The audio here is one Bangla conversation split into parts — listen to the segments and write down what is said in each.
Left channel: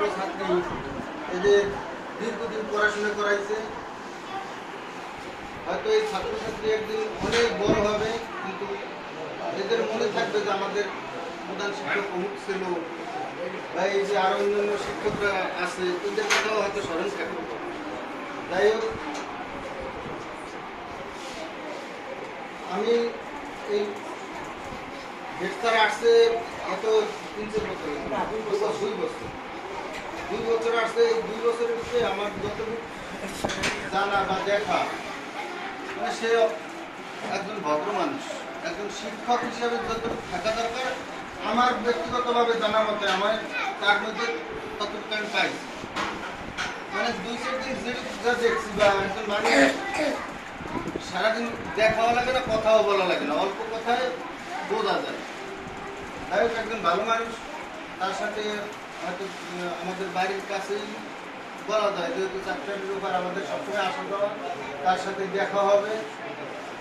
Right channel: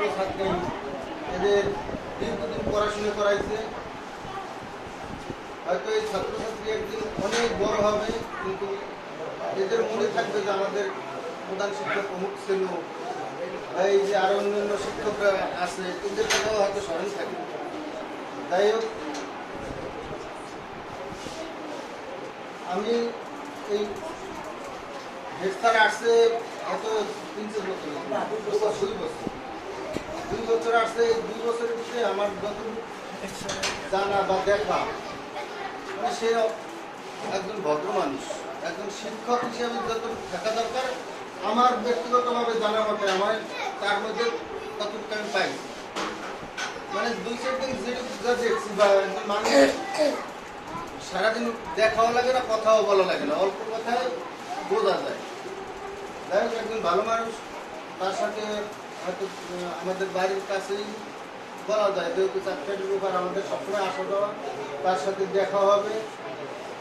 ছাত্রছাত্রী এদের দীর্ঘদিন পড়াশোনা করাইছে। হয়তো এই ছাত্রছাত্রী একদিন অনেক বড় হবে, কিন্তু এদের মনে থাকবে যে আমাদের প্রধান শিক্ষক অমুক ছিল, বা এই যে আরো অন্যান্য শিক্ষকরা আছে, এদের কথাও হয়তো স্মরণ থাকবে। যাই হোক, আমি এই হেড স্যার আসছে এত 3-4 বছর, 2 বছর আসছে। 2 বছরের ভিতরে আমার যতটুকু জানা বা দেখা, মানে সে একজন ভদ্র মানুষ, একজন শিক্ষক হিসেবে যতটুকু থাকা দরকার আমার ব্যক্তিগতভাবে জানার মতে আমার তার মধ্যে ততটুকু আমি পাই। মানে 2-4 দিন যেটা দেখছি বা মানে সারাদিন দেখাও লাগে না, কথাও বলা লাগে না, অল্প কথায় বোঝা যায়। যাই হোক, একজন ভালো মানুষ। তার সাথে হয়তো আমাদের বাড়ির কাছেই বলা যায়, যেহেতু চাকরির উপর আমাদের সবসময় আসা যাওয়া, তার সাথে দেখা হবে।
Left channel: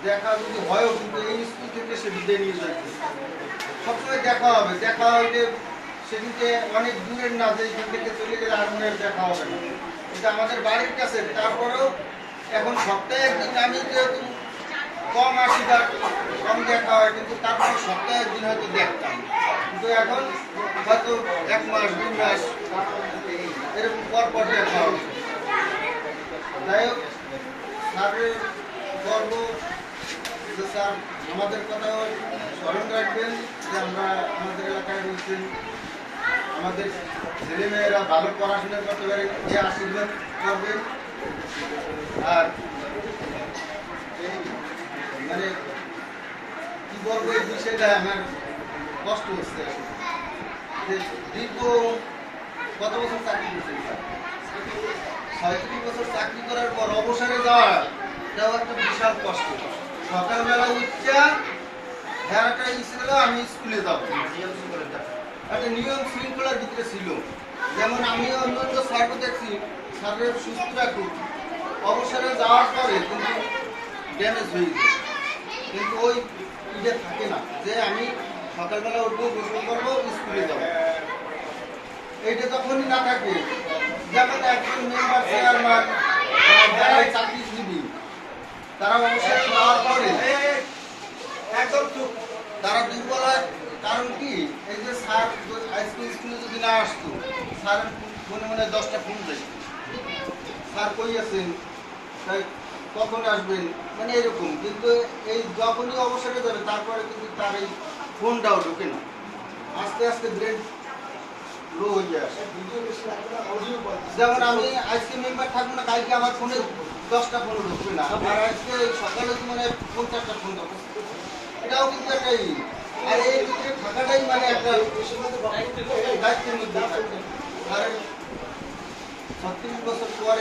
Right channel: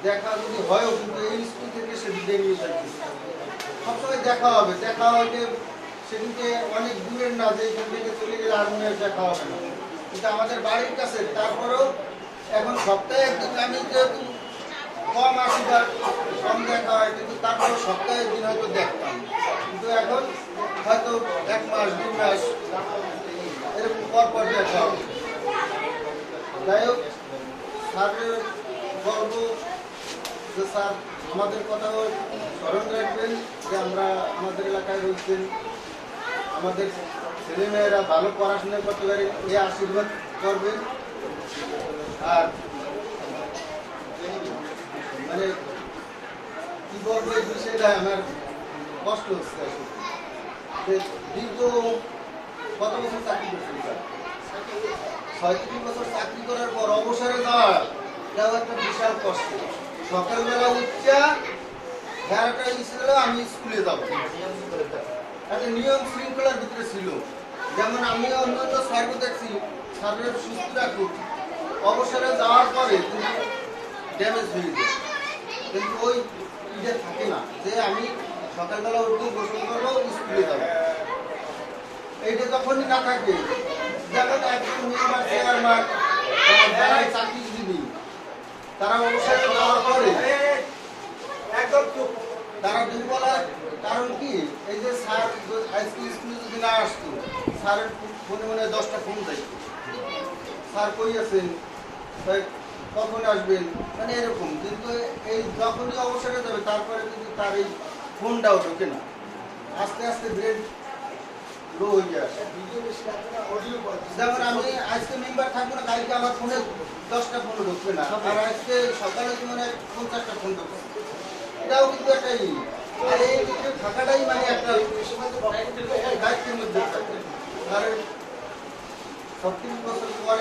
দেখা যদি হয়ও, কিন্তু এই স্কুল থেকে সে বিদায় নিয়ে যাচ্ছে, সবসময় দেখা হবে। দেখা হইলে সেদিকে অনেক দূরের না, যে এখান থেকে চলে গেলে আর মনে দেখা হবে না। এটা আমাদের বাড়ির কাছে। তারপরেও এখন সপ্তাহে একদিন আমি যেহেতু কম আসি বা কম দেখা হয়, কিন্তু তারপর সপ্তাহে একদিন হয়তো দেখতাম। কিন্তু এখন হয়তো 1 মাস 2 মাস এরকম পর দেখা হবে। যাই হোক, স্যারের গর্ব যে স্যার আমাদের কথাও স্মরণ রাখবেন, যে আমরা আমাদের এলাকায় রয়েছেন, আমাদের ছেলেমেয়েরা ভালো পড়াশোনা করতে পারে, এই আশীর্বাদ করবেন। আর মানে কি বলবো, এই বিষয়টা আমার কষ্ট হচ্ছে আসলে। যে দীর্ঘ কত বছর চাকরি করছেন স্যার? 36 বছর চাকরি করার পর অবসরে যাওয়াও একটা বিশাল কষ্ট। সকালবেলা উঠছে একটা ছিল, আমি স্কুলে যাবো, একটা নিয়ম শৃঙ্খলার ভিতরে ছিল। যেমন আমি অন্যান্য স্যারকে দেখছি, স্যারের সুস্থ রাখুন, অবসরে যাওয়ার পরে কিন্তু ড্যামেজ হয়ে যায়। কিন্তু ওই ইয়ে থাকে না, যে আমি সকালবেলা উঠবো, গোসল করবো, স্কুলে যাবো। এইটা যখনই না থাকে, দেখেন একজন মেম্বার চেয়ারম্যান যারা চাকরিজীবী, তারা অবসরে যাওয়ার পরে তারা দুর্বল হয়। কারণ কি, এই যে স্যার আজকে স্কুলে যদি না আসতো, স্যারের ফোনে মনে হয় 10টা ফোন যাই, স্যার কই আছেন, কখন আসবেন, মানে এরকম। কিন্তু এই যখনই অবসরে যাবে, তারপরে কিন্তু তার এই ফোনটাও ঢোকে না, আস্তে আস্তে ব্রেন লো হয়ে আসে। যেমন আমি আজকে মেম্বার থাকবো না, কালকে আমার ফোনে 10টা ফোন ঢুকবে না, আর আজকে সকালে মানে 50টা ফোন ঢুকবে। এটাও কিন্তু একটা আর এই ভিতরে থাকাটাই মানে একটা দায়িত্বের মধ্যে থাকে। 36 বছর পরে